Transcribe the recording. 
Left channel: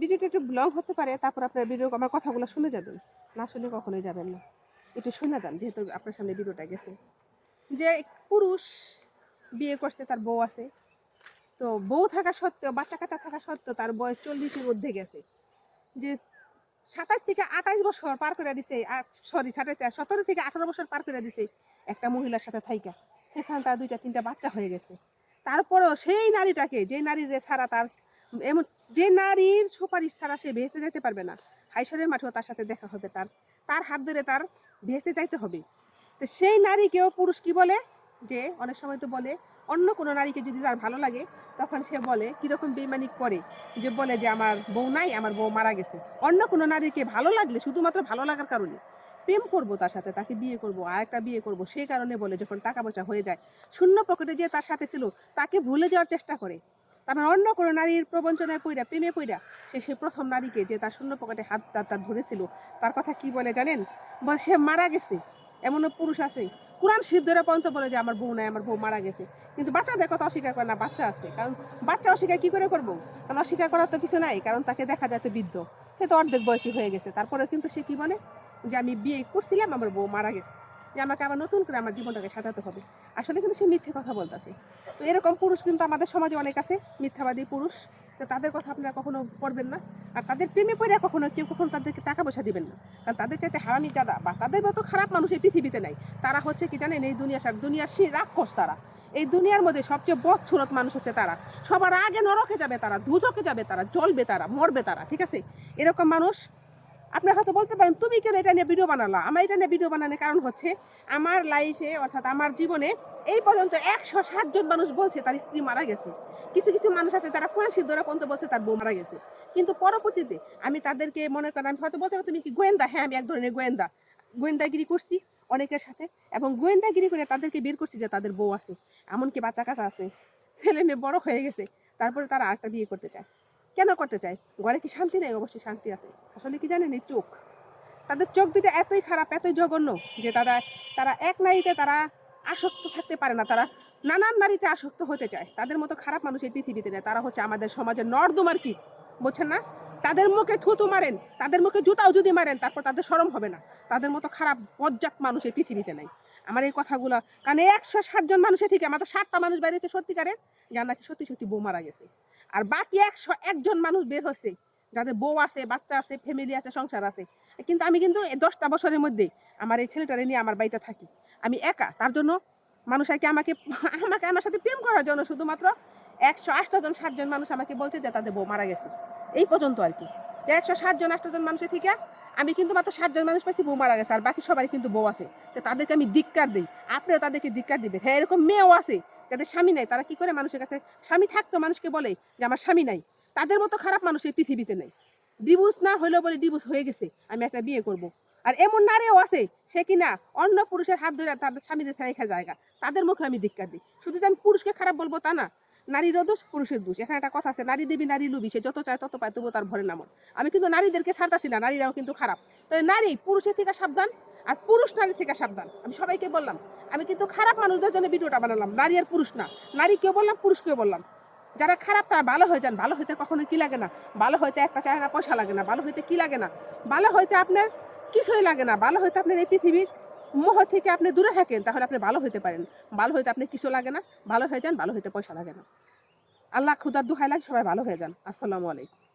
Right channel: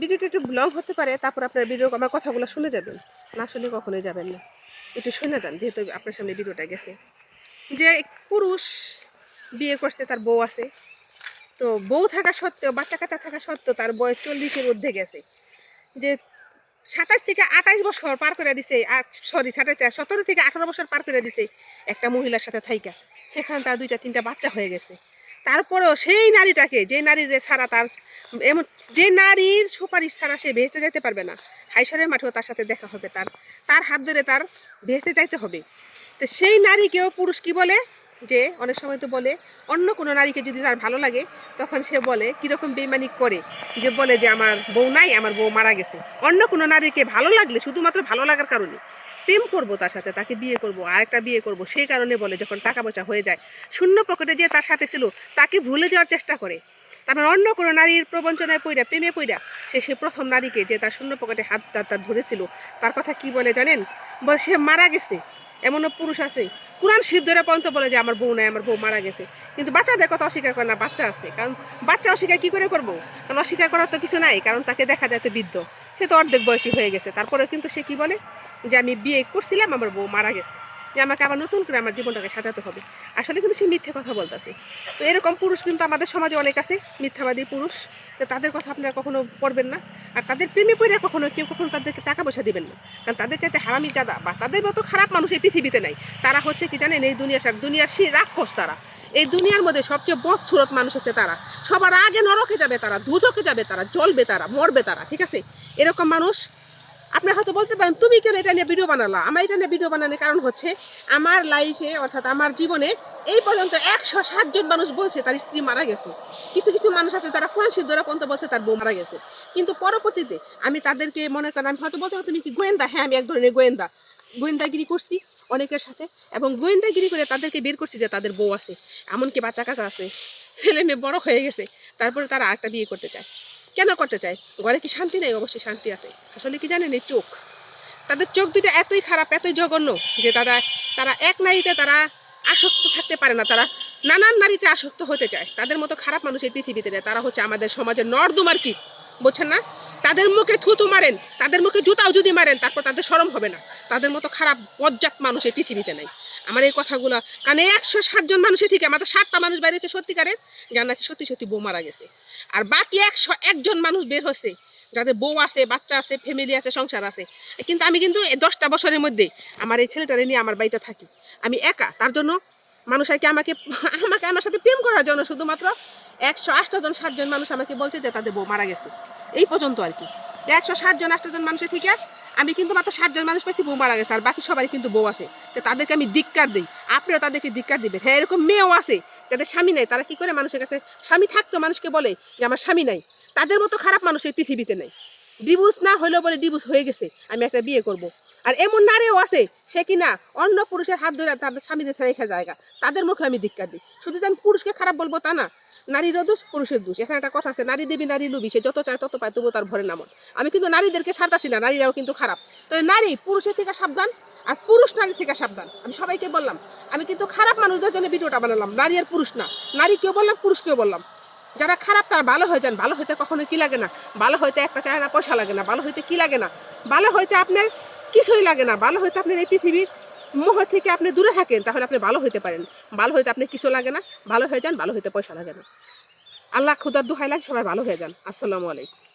ভিডিওটা একটু লং হতে পারে, তারপর আপনার ভিডিও আমার কথাগুলো শুনে যাবেন, না শুনে কখনোই যাবেন না। একটু শুনে যান, যেহেতু আপনার সামনে ভিডিওটা গেছে। যে পুরুষ বিয়ে করছে, তার বউ আছে, তো বউ থাকা সত্ত্বেও, বাচ্চা কাচ্চা থাকা সত্ত্বেও তার বয়স 40-এর মধ্যে গেছে। যে 27 থেকে 28 বছর পার করে দিছে, সরি 17 থেকে 18 বছর পার করে দিছে একটা মহিলার সাথে থাইকা, সেখানে তার 2টা-3টা বাচ্চা হয়ে গেছে। তারপরেও সেই নারীটাকে, যে নারীর ছাড়া তার এমন, যে নারীর সুপারিশ ছাড়া সে ভেস্তে যেতে পারবে না, হাইশরের মাঠেও তার সাথে দেখা হবে, তার তার হাত ধরে তার ভেস্তে যাইতে হবে। তো সেই নারীকেও পুরুষ কি বলে, যে অনেক সময় তো বলে অন্য কোনো নারীকে যদি তার ভালো লাগে, তখন সে বলে কিরকম বেইমানি করে, যে বলে যে আমার বউ নাই, আমার বউ মারা গেছে। অন্য কোনো নারীকে ভালো লাগলে শুধুমাত্র ভালো লাগার কারণে প্রেম করব, তার সাথে তাকে বিয়ে করব, আরেকটা বিয়ে করব, সেই কারণে বলে, যখন টাকা পয়সা হয়ে যায়, শূন্য পকেটে যে তার সাথে ছিল তাকে ভুলে যাওয়ার চেষ্টা করে। তারপর অন্য কোনো নারীর প্রবঞ্চনায় পইড়া, প্রেমে পইড়া, সে প্রথম নারীকে, যে তার শূন্য পকেটে হাত তার ধরেছিল, তার কথা কি বলে জানেন? বলে সে মারা গেছে। এমনও পুরুষ আছে, কোরআন শরীফ ধরে পর্যন্ত বলে যে আমার বউ নাই, আমার বউ মারা গেছে, কিন্তু বাচ্চাদের কথা অস্বীকার করে না, বাচ্চা আছে। কারণ বাচ্চা অস্বীকার কি করে করবো? কারণ অস্বীকার করার তো কিছু নাই, কারণ তাকে দেখা যায় তো বৃদ্ধ, সে তো অর্ধেক বয়সী হয়ে গেছে। তারপরে কিন্তু সে কি বলে, যে আমি বিয়ে করছিলাম, আমার বউ মারা গেছে, যে আমাকে আবার নতুন করে আমার জীবনটাকে সাজাতে হবে। আসলে কিন্তু সে মিথ্যে কথা বলতেছে। তো এরকম পুরুষ কিন্তু আমাদের সমাজে অনেক আছে, মিথ্যাবাদী পুরুষ। তো তাদের কথা আপনারা কখনো পড়বেন না, আর তাদের প্রেমে পড়ে কখনো কেউ কখনো তাদেরকে টাকা পয়সা দিবেন না, কারণ তাদের চাইতে হারামি জাদা বা তাদের মতো খারাপ মানুষ এই পৃথিবীতে নাই। তারা হচ্ছে কি জানেন, এই দুনিয়ার সেই রাক্ষস তারা। এই দুনিয়ার মধ্যে সবচেয়ে বদসুরত মানুষ হচ্ছে তারা। সবার আগে নরকে যাবে তারা, দুজকে যাবে তারা, জ্বলবে তারা, মরবে তারা, ঠিক আছে? এরকম মানুষ। আপনি হয়তো বলতে পারেন, তুমি কেন এটা নিয়ে ভিডিও বানালা? আমার এটা নিয়ে ভিডিও বানানোর কারণ হচ্ছে, আমার লাইফে, অর্থাৎ আমার জীবনে এই পর্যন্ত 107 জন মানুষ বলছে তার স্ত্রী মারা গেছে। কিছু কিছু মানুষ আছে তারা কোরআন শরীফ ধরে পর্যন্ত বলছে তার বউ মারা গেছে। কিন্তু পরবর্তীতে আমি তাদেরকে মনে করেন, আমি হয়তো বলতে পারি তুমি কি গোয়েন্দা? হ্যাঁ, আমি এক ধরনের গোয়েন্দা, গোয়েন্দাগিরি করছি অনেকের সাথে, এবং গোয়েন্দাগিরি করে তাদেরকে বের করছি যে তাদের বউ আছে, এমনকি বাচ্চা কাচ্চা আছে, ছেলে মেয়ে বড় হয়ে গেছে, তারপরে তারা আরেকটা বিয়ে করতে চায়। কেন করতে চায়? ঘরে কি শান্তি নেই? অবশ্যই শান্তি আছে। আসলে কি জানেন, এই চোখ, তাদের চোখ দুটো এতই খারাপ, এতই জঘন্য, যে তারা তারা এক নারীতে তারা আসক্ত থাকতে পারে না, তারা নানান নারীতে আসক্ত হতে চায়। তাদের মতো খারাপ মানুষ এই পৃথিবীতে নেই। তারা হচ্ছে আমাদের সমাজের নর্দমার কীট, বুঝছেন না? তাদের মুখে থুতু মারেন, তাদের মুখে জুতাও যদি মারেন, তারপর তাদের শরম হবে না। তাদের মতো খারাপ বজ্জাত মানুষ এই পৃথিবীতে নাই। আমার এই কথাগুলা, কারণ 107 জন মানুষের থেকে আমাদের 7টা মানুষ বেরিয়েছে সত্যিকারের, যার নাকি সত্যি সত্যি বউ মারা গেছে। আর বাকি 101 জন মানুষ বের হচ্ছে যাদের বউ আছে, বাচ্চা আছে, ফ্যামিলি আছে, সংসার আছে। কিন্তু আমি কিন্তু এই 10টা বছরের মধ্যে আমার এই ছেলেটারে নিয়ে আমার বাড়িতে থাকি, আমি একা। তার জন্য মানুষ আর কি আমাকে আমাকে আমার সাথে প্রেম করার জন্য শুধুমাত্র 108 জন 7 জন মানুষ আমাকে বলছে যে তাদের বউ মারা গেছে, এই পর্যন্ত আর কি। 107 জন 8 জন মানুষের থেকে আমি কিন্তু মাত্র 7 জন মানুষ পাইছি বউ মারা গেছে, আর বাকি সবাই কিন্তু বউ আছে। তো তাদেরকে আমি ধিক্কার দিই, আপনারা তাদেরকে ধিক্কার দিবেন। হ্যাঁ, এরকম মেয়েও আছে যাদের স্বামী নাই, তারা কি করে মানুষের কাছে, স্বামী থাকতো মানুষকে বলে যে আমার স্বামী নাই। তাদের মতো খারাপ মানুষ এই পৃথিবীতে নেই। ডিভোর্স না হলেও বলে ডিভোর্স হয়ে গেছে, আমি একটা বিয়ে করব। আর এমন নারীও আছে, সে কিনা অন্য পুরুষের হাত ধরে তাদের স্বামীদের রেখে জায়গা, তাদের মুখে আমি ধিক্কার দিই। শুধু যে আমি পুরুষকে খারাপ বলবো তা না, নারীরও দোষ, পুরুষের দোষ। এখানে একটা কথা আছে, নারী দেবী নারী লুবি, সে যত চায় তত পায়, তবুও তার ভরে নামন। আমি কিন্তু নারীদেরকে ছাড়তাছি না, নারীরাও কিন্তু খারাপ। তো নারী পুরুষের থেকে সাবধান, আর পুরুষ নারীর থেকে সাবধান। আমি সবাইকে বললাম, আমি কিন্তু খারাপ মানুষদের জন্য ভিডিওটা বানালাম, নারী আর পুরুষ না। নারীকেও বললাম, পুরুষকেও বললাম, যারা খারাপ তারা ভালো হয়ে যান। ভালো হইতে কখনো কি লাগে না? ভালো হইতে একটা চায় না, পয়সা লাগে না। ভালো হইতে কি লাগে না? ভালো হইতে আপনার কিছুই লাগে না। ভালো হইতে আপনার এই পৃথিবীর মোহ থেকে আপনি দূরে থাকেন, তাহলে আপনি ভালো হইতে পারেন। ভালো হইতে আপনার কিছু লাগে না, ভালো হয়ে যান। ভালো হইতে পয়সা লাগে না। আল্লাহ খুদার দোহাই লাগে, সবাই ভালো হয়ে যান। আসসালামু আলাইকুম।